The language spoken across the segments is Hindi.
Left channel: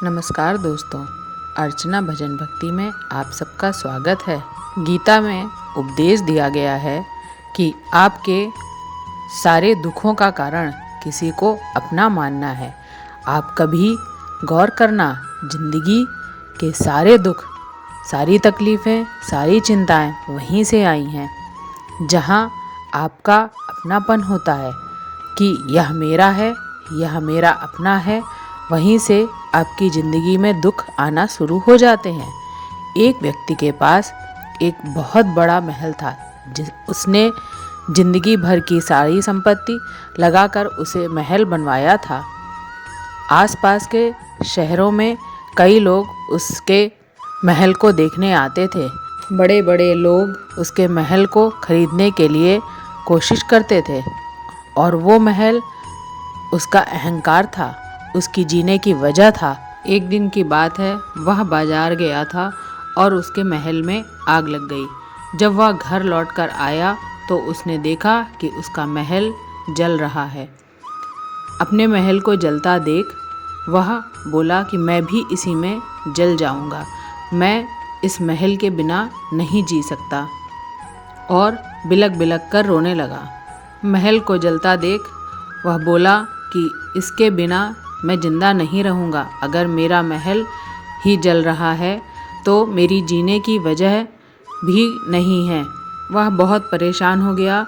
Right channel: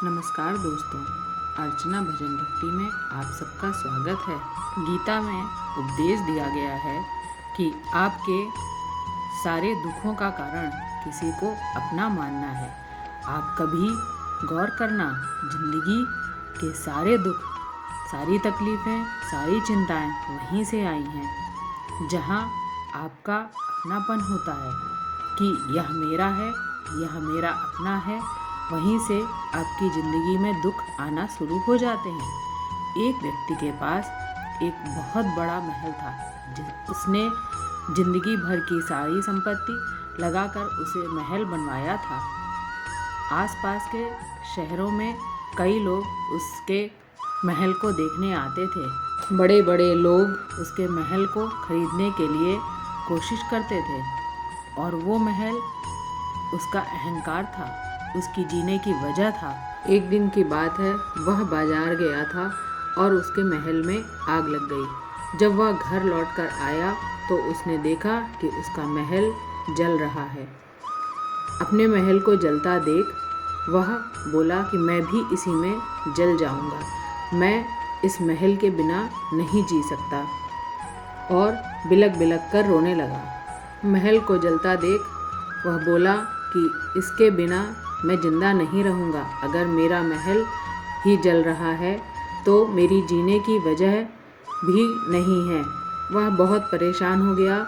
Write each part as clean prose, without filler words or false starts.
नमस्कार दोस्तों, अर्चना भजन भक्ति में आप सबका स्वागत है। गीता में उपदेश दिया गया है कि आपके सारे दुखों का कारण किसी को अपना मानना है। आप कभी गौर करना, जिंदगी के सारे दुख, सारी तकलीफ़ें, सारी चिंताएं वहीं से आई हैं, जहां आपका अपनापन होता है कि यह मेरा है, यह मेरा अपना है। वहीं से आपकी ज़िंदगी में दुख आना शुरू हो जाते हैं। एक व्यक्ति के पास एक बहुत बड़ा महल था। उसने ज़िंदगी भर की सारी संपत्ति लगाकर उसे महल बनवाया था। आसपास के शहरों में कई लोग उसके महल को देखने आते थे। बड़े बड़े लोग उसके महल को खरीदने के लिए कोशिश करते थे, और वो महल उसका अहंकार था, उसकी जीने की वजह था। एक दिन की बात है, वह बाजार गया था और उसके महल में आग लग गई। जब वह घर लौटकर आया तो उसने देखा कि उसका महल जल रहा है। अपने महल को जलता देख वह बोला कि मैं भी इसी में जल जाऊंगा, मैं इस महल के बिना नहीं जी सकता, और बिलक बिलक कर रोने लगा। महल को जलता देख वह बोला कि इसके बिना मैं जिंदा नहीं रहूँगा। अगर मेरा महल ही जल रहा है तो मेरी जीने की वजह भी नहीं है। वह बहुत परेशान हो गया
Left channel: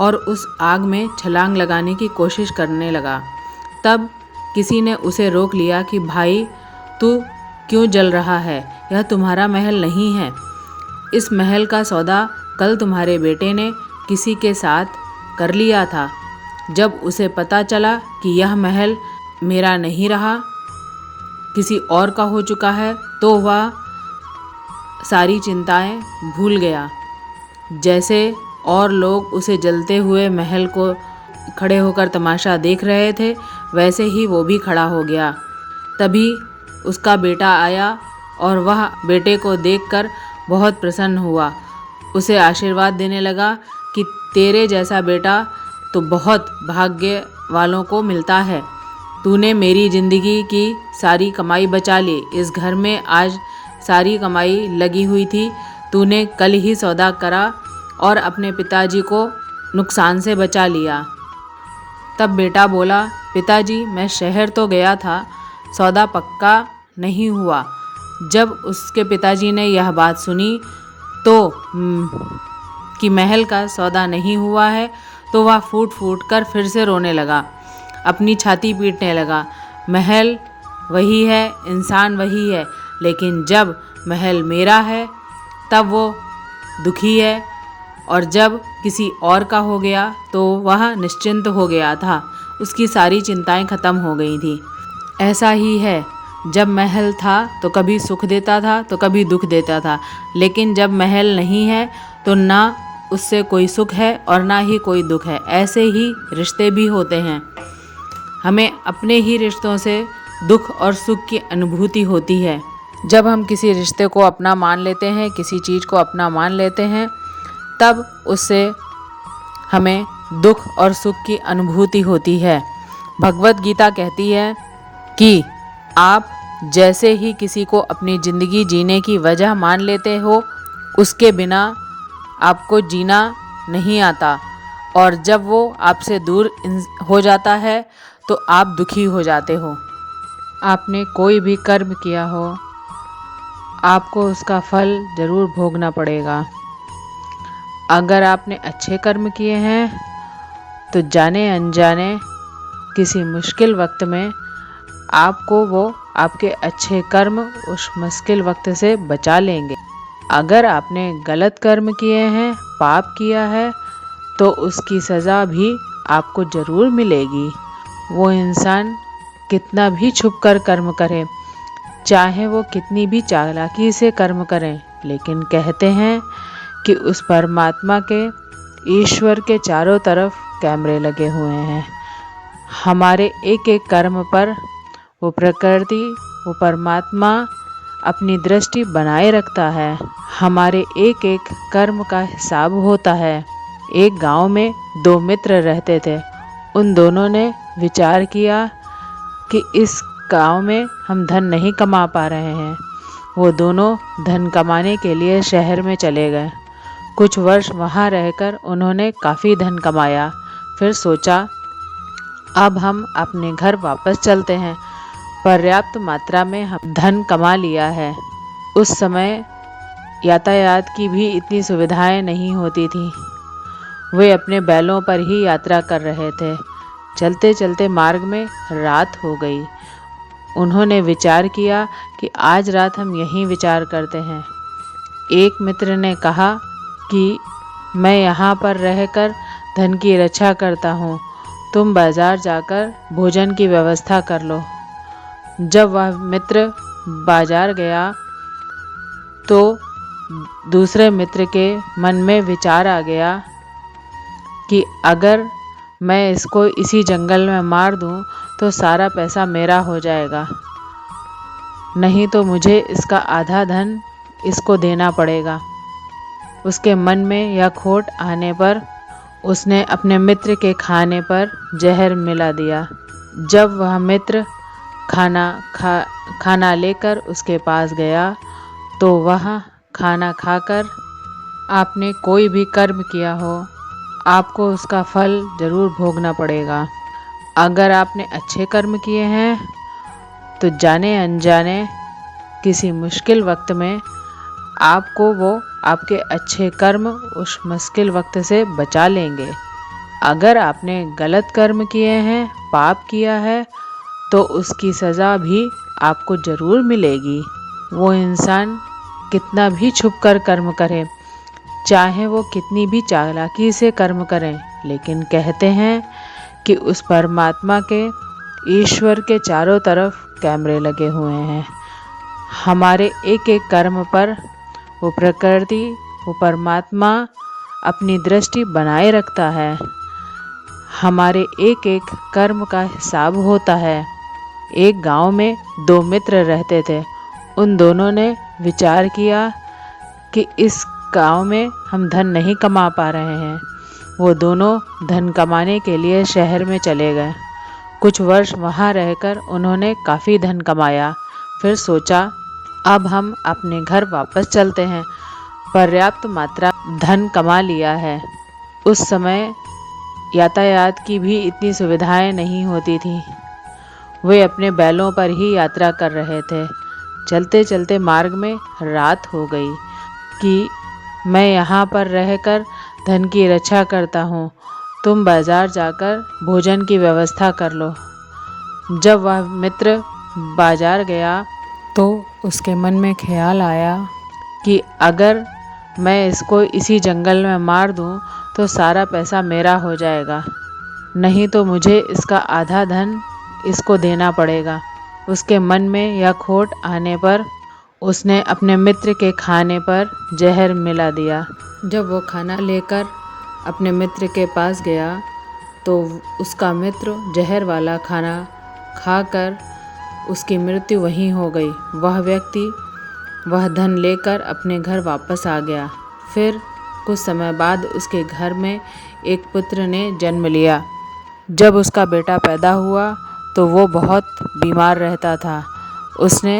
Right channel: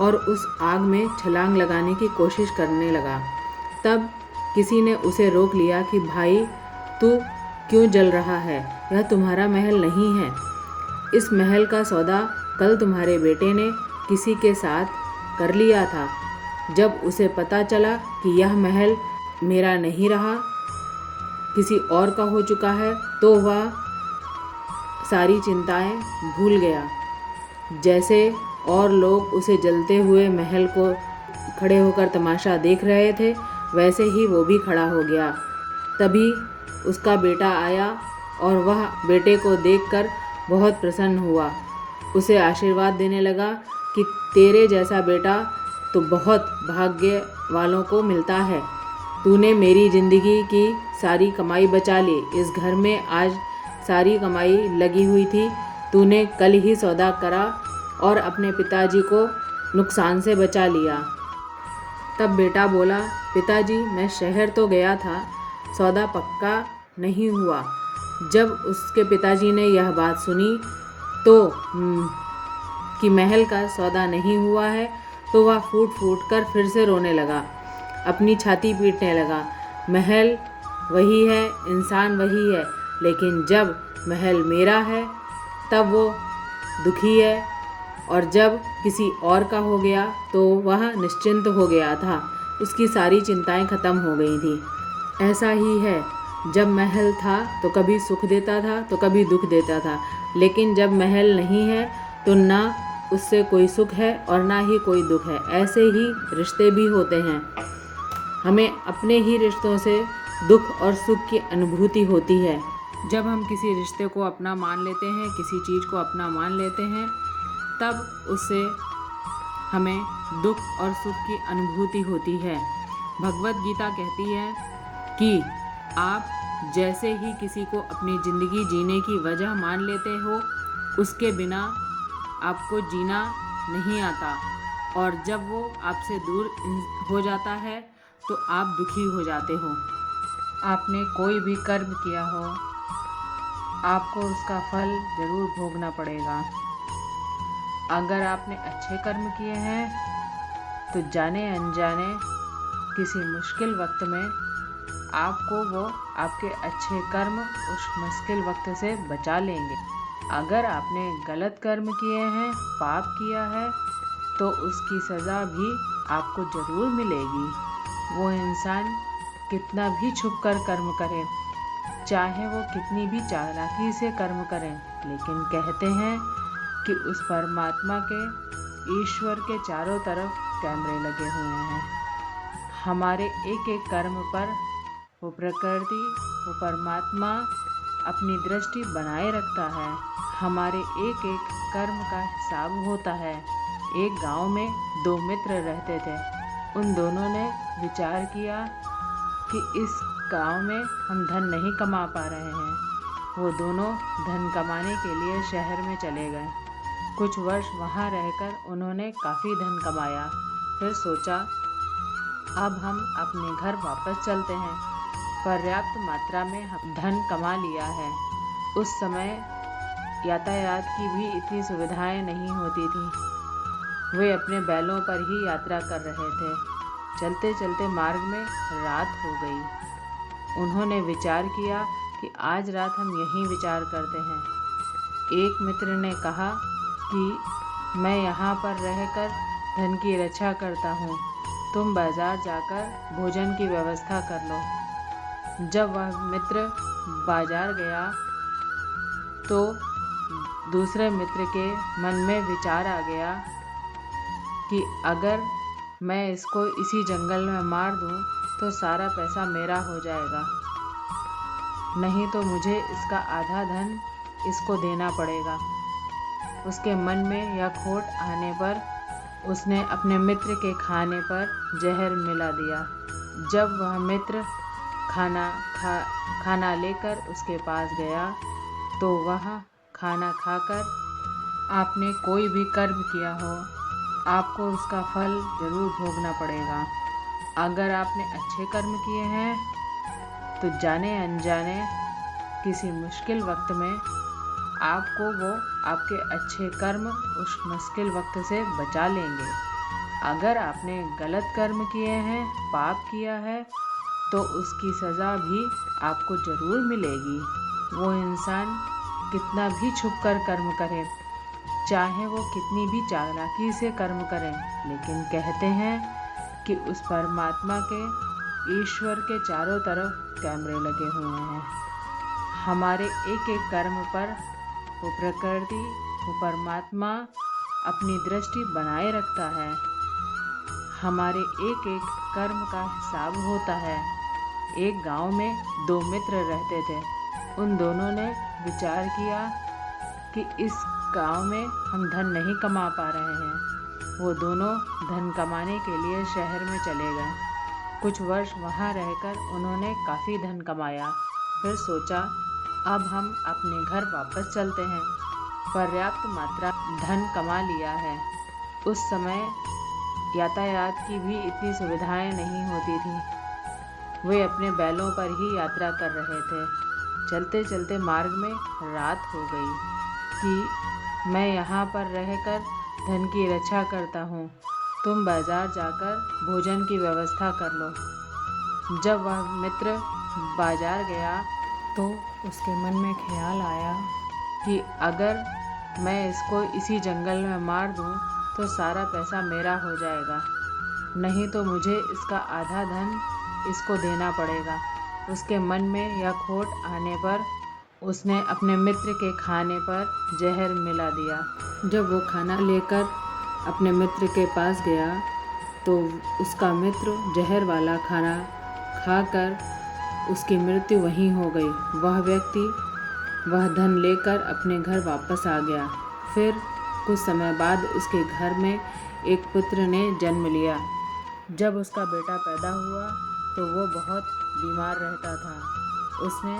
और उस आग में छलांग लगाने की कोशिश करने लगा। तब किसी ने उसे रोक लिया कि भाई, तू क्यों जल रहा है? यह तुम्हारा महल नहीं है। इस महल का सौदा कल तुम्हारे बेटे ने किसी के साथ कर लिया था। जब उसे पता चला कि यह महल मेरा नहीं रहा, किसी और का हो चुका है, तो वह सारी चिंताएं भूल गया। जैसे और लोग उसे जलते हुए महल को खड़े होकर तमाशा देख रहे थे, वैसे ही वो भी खड़ा हो गया। तभी उसका बेटा आया और वह बेटे को देखकर बहुत प्रसन्न हुआ। उसे आशीर्वाद देने लगा कि तेरे जैसा बेटा तो बहुत भाग्य वालों को मिलता है। तूने मेरी ज़िंदगी की सारी कमाई बचा ली। इस घर में आज सारी कमाई लगी हुई थी। तूने कल ही सौदा करा और अपने पिताजी को नुकसान से बचा लिया। तब बेटा बोला, पिताजी, मैं शहर तो गया था, सौदा पक्का नहीं हुआ। जब उसके पिताजी ने यह बात सुनी तो कि महल का सौदा नहीं हुआ है, तो वह फूट फूट कर फिर से रोने लगा, अपनी छाती पीटने लगा। महल वही है, इंसान वही है, लेकिन जब महल मेरा है तब वो दुखी है, और जब किसी और का हो गया तो वह निश्चिंत हो गया था। उसकी सारी चिंताएं खत्म हो गई थी। ऐसा ही है, जब महल था तो कभी सुख देता था तो कभी दुख देता था, लेकिन जब महल नहीं है तो ना उससे कोई सुख है और ना ही कोई दुख है। ऐसे ही रिश्ते भी होते हैं। हमें अपने ही रिश्तों से दुख और सुख की अनुभूति होती है। जब हम किसी रिश्ते को अपना मान लेते हैं, किसी चीज़ को अपना मान लेते हैं, तब उससे हमें दुख और सुख की अनुभूति होती है। भगवत गीता कहती है कि आप जैसे ही किसी को अपनी ज़िंदगी जीने की वजह मान लेते हो, उसके बिना आपको जीना नहीं आता, और जब वो आपसे दूर हो जाता है तो आप दुखी हो जाते हो। आपने कोई भी कर्म किया हो, आपको उसका फल ज़रूर भोगना पड़ेगा। अगर आपने अच्छे कर्म किए हैं तो जाने अनजाने किसी मुश्किल वक्त में आपको वो आपके अच्छे कर्म उस मुश्किल वक्त से बचा लेंगे। अगर आपने गलत कर्म किए हैं, पाप किया है, तो उसकी सज़ा भी आपको ज़रूर मिलेगी। वो इंसान कितना भी छुप कर कर्म करे, चाहे वो कितनी भी चालाकी से कर्म करें, लेकिन कहते हैं कि उस परमात्मा के, ईश्वर के चारों तरफ कैमरे लगे हुए हैं। हमारे एक एक कर्म पर वो प्रकृति, वो परमात्मा अपनी दृष्टि बनाए रखता है। हमारे एक एक कर्म का हिसाब होता है। एक गांव में दो मित्र रहते थे। उन दोनों ने विचार किया कि इस गांव में हम धन नहीं कमा पा रहे हैं। वो दोनों धन कमाने के लिए शहर में चले गए। कुछ वर्ष वहाँ रहकर उन्होंने काफ़ी धन कमाया। फिर सोचा अब हम अपने घर वापस चलते हैं। पर्याप्त मात्रा में हम धन कमा लिया है। उस समय यातायात की भी इतनी सुविधाएं नहीं होती थी। वे अपने बैलों पर ही यात्रा कर रहे थे। चलते चलते मार्ग में रात हो गई। उन्होंने विचार किया कि आज रात हम यहीं विचार करते हैं। एक मित्र ने कहा कि मैं यहाँ पर रहकर धन की रक्षा करता हूँ, तुम बाजार जाकर भोजन की व्यवस्था कर लो। जब वह मित्र बाजार गया तो दूसरे मित्र के मन में विचार आ गया कि अगर मैं इसको इसी जंगल में मार दूं तो सारा पैसा मेरा हो जाएगा, नहीं तो मुझे इसका आधा धन इसको देना पड़ेगा। उसके मन में यह खोट आने पर उसने अपने मित्र के खाने पर जहर मिला दिया। जब वह मित्र खाना लेकर उसके पास गया तो वह खाना खाकर, आपने कोई भी कर्म किया हो आपको उसका फल जरूर भोगना पड़ेगा। अगर आपने अच्छे कर्म किए हैं तो जाने अनजाने किसी मुश्किल वक्त में आपको वो आपके अच्छे कर्म उस मुश्किल वक्त से बचा लेंगे। अगर आपने गलत कर्म किए हैं, पाप किया है, तो उसकी सज़ा भी आपको ज़रूर मिलेगी। वो इंसान कितना भी छुप कर कर्म करे, चाहे वो कितनी भी चालाकी से कर्म करें, लेकिन कहते हैं कि उस परमात्मा के, ईश्वर के चारों तरफ कैमरे लगे हुए हैं। हमारे एक एक कर्म पर वो प्रकृति, वो परमात्मा अपनी दृष्टि बनाए रखता है। हमारे एक एक कर्म का हिसाब होता है। एक गांव में दो मित्र रहते थे। उन दोनों ने विचार किया कि इस गांव में हम धन नहीं कमा पा रहे हैं। वो दोनों धन कमाने के लिए शहर में चले गए। कुछ वर्ष वहाँ रहकर उन्होंने काफ़ी धन कमाया। फिर सोचा अब हम अपने घर वापस चलते हैं। पर्याप्त मात्रा धन कमा लिया है। उस समय यातायात की भी इतनी सुविधाएं नहीं होती थी। वे अपने बैलों पर ही यात्रा कर रहे थे। चलते चलते मार्ग में रात हो गई कि मैं यहाँ पर रहकर धन की रक्षा करता हूँ, तुम बाजार जाकर भोजन की व्यवस्था कर लो। जब वह मित्र बाजार गया तो उसके मन में ख्याल आया कि अगर मैं इसको इसी जंगल में मार दूँ तो सारा पैसा मेरा हो जाएगा, नहीं तो मुझे इसका आधा धन इसको देना पड़ेगा। उसके मन में यह खोट आने पर उसने अपने मित्र के खाने पर जहर मिला दिया। जब वो खाना लेकर अपने मित्र के पास गया तो उसका मित्र जहर वाला खाना खाकर उसकी मृत्यु वहीं हो गई। वह व्यक्ति वह धन लेकर अपने घर वापस आ गया। फिर कुछ समय बाद उसके घर में एक पुत्र ने जन्म लिया। जब उसका बेटा पैदा हुआ तो वो बहुत बीमार रहता था। उसने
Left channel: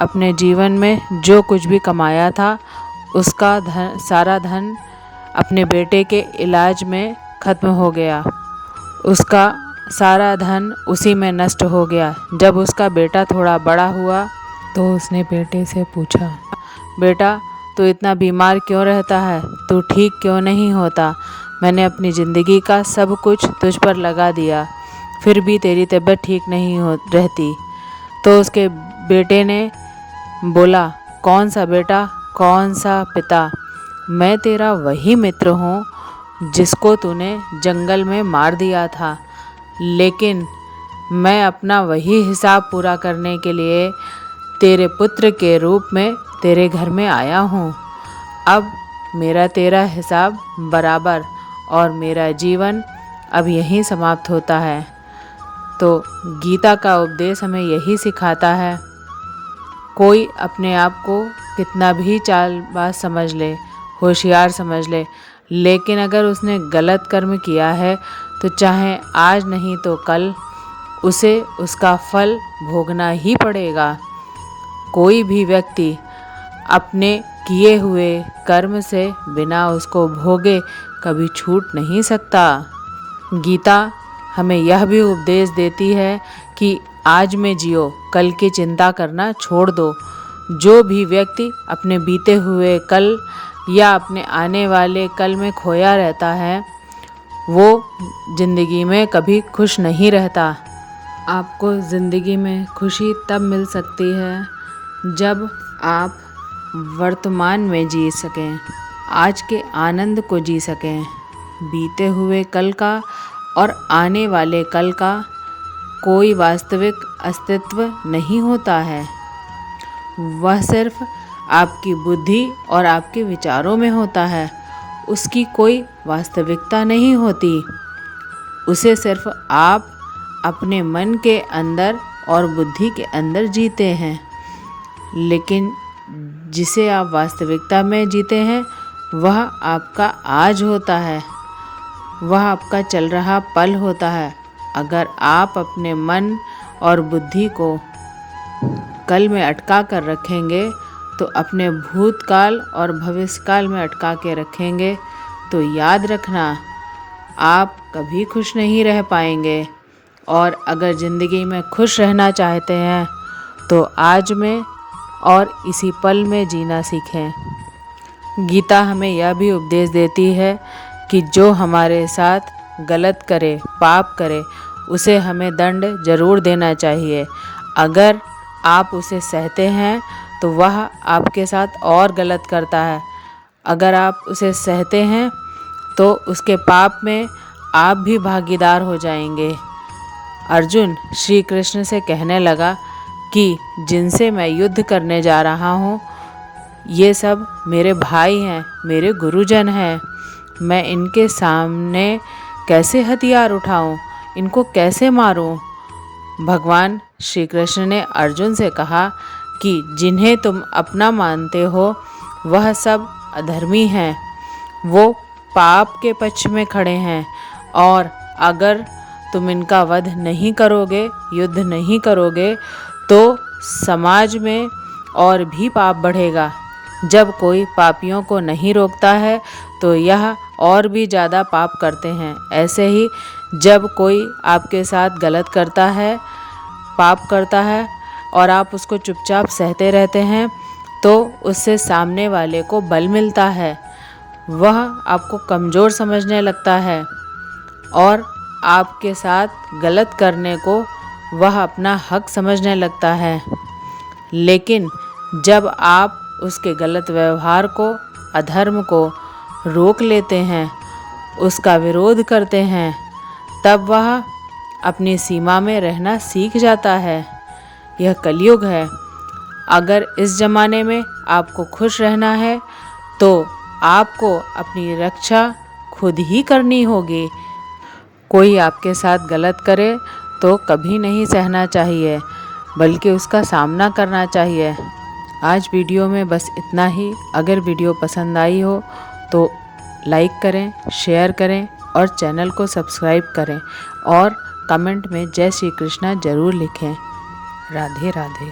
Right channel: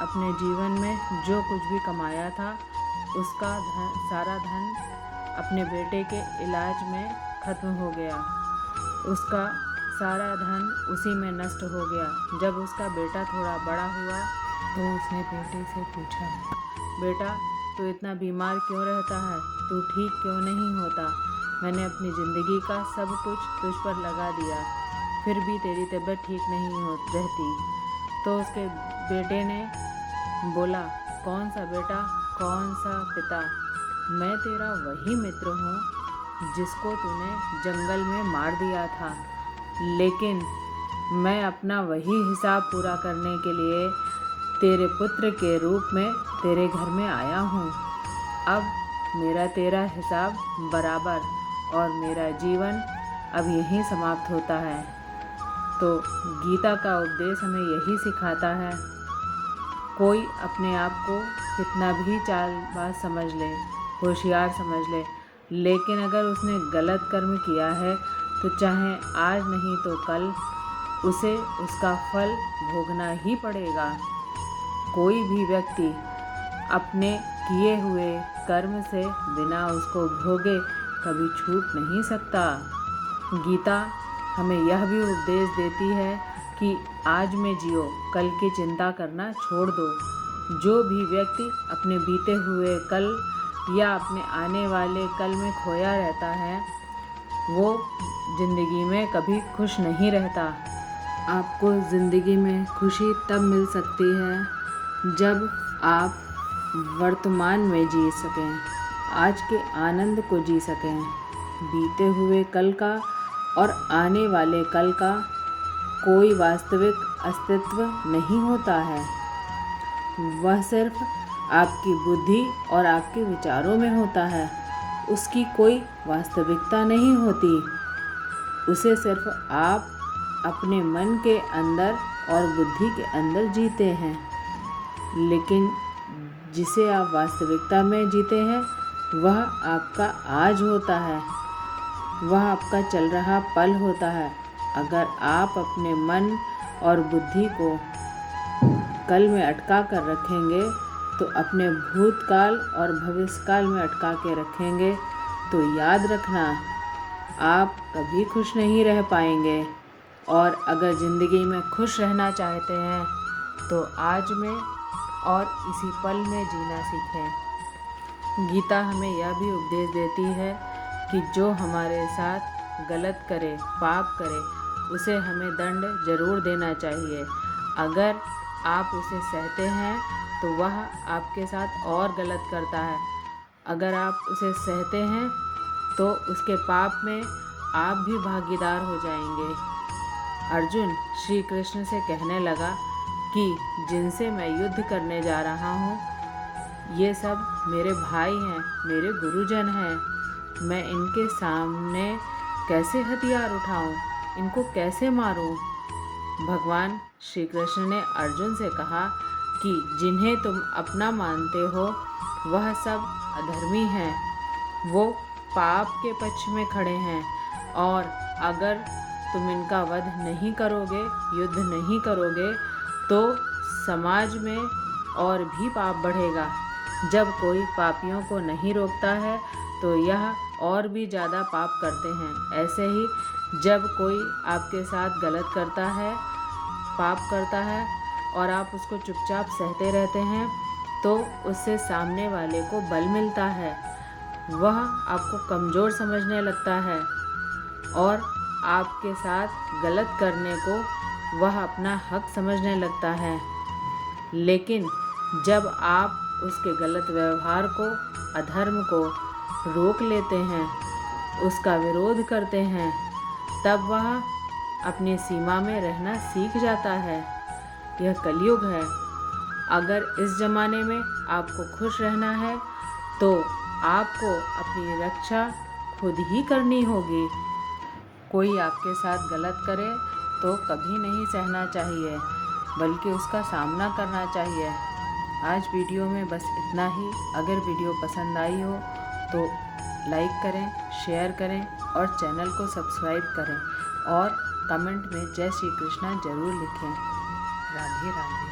अपने जीवन में जो कुछ भी कमाया था उसका सारा धन अपने बेटे के इलाज में ख़त्म हो गया। उसका सारा धन उसी में नष्ट हो गया। जब उसका बेटा थोड़ा बड़ा हुआ तो उसने बेटे से पूछा, बेटा तू इतना बीमार क्यों रहता है, तू ठीक क्यों नहीं होता? मैंने अपनी ज़िंदगी का सब कुछ तुझ पर लगा दिया, फिर भी तेरी तबीयत ठीक नहीं रहती। तो उसके बेटे ने बोला, कौन सा बेटा, कौन सा पिता? मैं तेरा वही मित्र हूँ जिसको तूने जंगल में मार दिया था, लेकिन मैं अपना वही हिसाब पूरा करने के लिए तेरे पुत्र के रूप में तेरे घर में आया हूँ। अब मेरा तेरा हिसाब बराबर और मेरा जीवन अब यहीं समाप्त होता है। तो गीता का उपदेश हमें यही सिखाता है, कोई अपने आप को कितना भी चालबाज समझ ले, होशियार समझ ले, लेकिन अगर उसने गलत कर्म किया है तो चाहे आज नहीं तो कल उसे उसका फल भोगना ही पड़ेगा। कोई भी व्यक्ति अपने किए हुए कर्म से बिना उसको भोगे कभी छूट नहीं सकता। गीता हमें यह भी उपदेश देती है कि आज में जियो, कल की चिंता करना छोड़ दो। जो भी व्यक्ति अपने बीते हुए कल या अपने आने वाले कल में खोया रहता है, वो ज़िंदगी में कभी खुश नहीं रहता। आपको ज़िंदगी में खुशी तब मिल सकती है जब आप वर्तमान में जी सकें, आज के आनंद को जी सकें। बीते हुए कल का और आने वाले कल का कोई वास्तविक अस्तित्व नहीं होता है। वह सिर्फ आपकी बुद्धि और आपके विचारों में होता है। उसकी कोई वास्तविकता नहीं होती। उसे सिर्फ आप अपने मन के अंदर और बुद्धि के अंदर जीते हैं। लेकिन जिसे आप वास्तविकता में जीते हैं, वह आपका आज होता है, वह आपका चल रहा पल होता है। अगर आप अपने मन और बुद्धि को कल में अटका कर रखेंगे, तो अपने भूतकाल और भविष्यकाल में अटका के रखेंगे, तो याद रखना आप कभी खुश नहीं रह पाएंगे। और अगर ज़िंदगी में खुश रहना चाहते हैं, तो आज में और इसी पल में जीना सीखें। गीता हमें यह भी उपदेश देती है कि जो हमारे साथ गलत करे, पाप करे, उसे हमें दंड जरूर देना चाहिए। अगर आप उसे सहते हैं तो वह आपके साथ और गलत करता है। अगर आप उसे सहते हैं तो उसके पाप में आप भी भागीदार हो जाएंगे। अर्जुन श्री कृष्ण से कहने लगा कि जिनसे मैं युद्ध करने जा रहा हूँ, ये सब मेरे भाई हैं, मेरे गुरुजन हैं। मैं इनके सामने कैसे हथियार उठाऊं, इनको कैसे मारूं? भगवान श्री कृष्ण ने अर्जुन से कहा कि जिन्हें तुम अपना मानते हो, वह सब अधर्मी हैं। वो पाप के पक्ष में खड़े हैं, और अगर तुम इनका वध नहीं करोगे, युद्ध नहीं करोगे, तो समाज में और भी पाप बढ़ेगा। जब कोई पापियों को नहीं रोकता है, तो यह और भी ज़्यादा पाप करते हैं। ऐसे ही जब कोई आपके साथ गलत करता है, पाप करता है, और आप उसको चुपचाप सहते रहते हैं, तो उससे सामने वाले को बल मिलता है। वह आपको कमज़ोर समझने लगता है और आपके साथ गलत करने को वह अपना हक समझने लगता है। लेकिन जब आप उसके गलत व्यवहार को, अधर्म को रोक लेते हैं, उसका विरोध करते हैं, तब वह अपनी सीमा में रहना सीख जाता है। यह कलयुग है। अगर इस ज़माने में आपको खुश रहना है, तो आपको अपनी रक्षा खुद ही करनी होगी। कोई आपके साथ गलत करे तो कभी नहीं सहना चाहिए, बल्कि उसका सामना करना चाहिए। आज वीडियो में बस इतना ही। अगर वीडियो पसंद आई हो तो लाइक करें, शेयर करें और चैनल को सब्सक्राइब करें, और कमेंट में जय श्री कृष्णा ज़रूर लिखें। राधे राधे।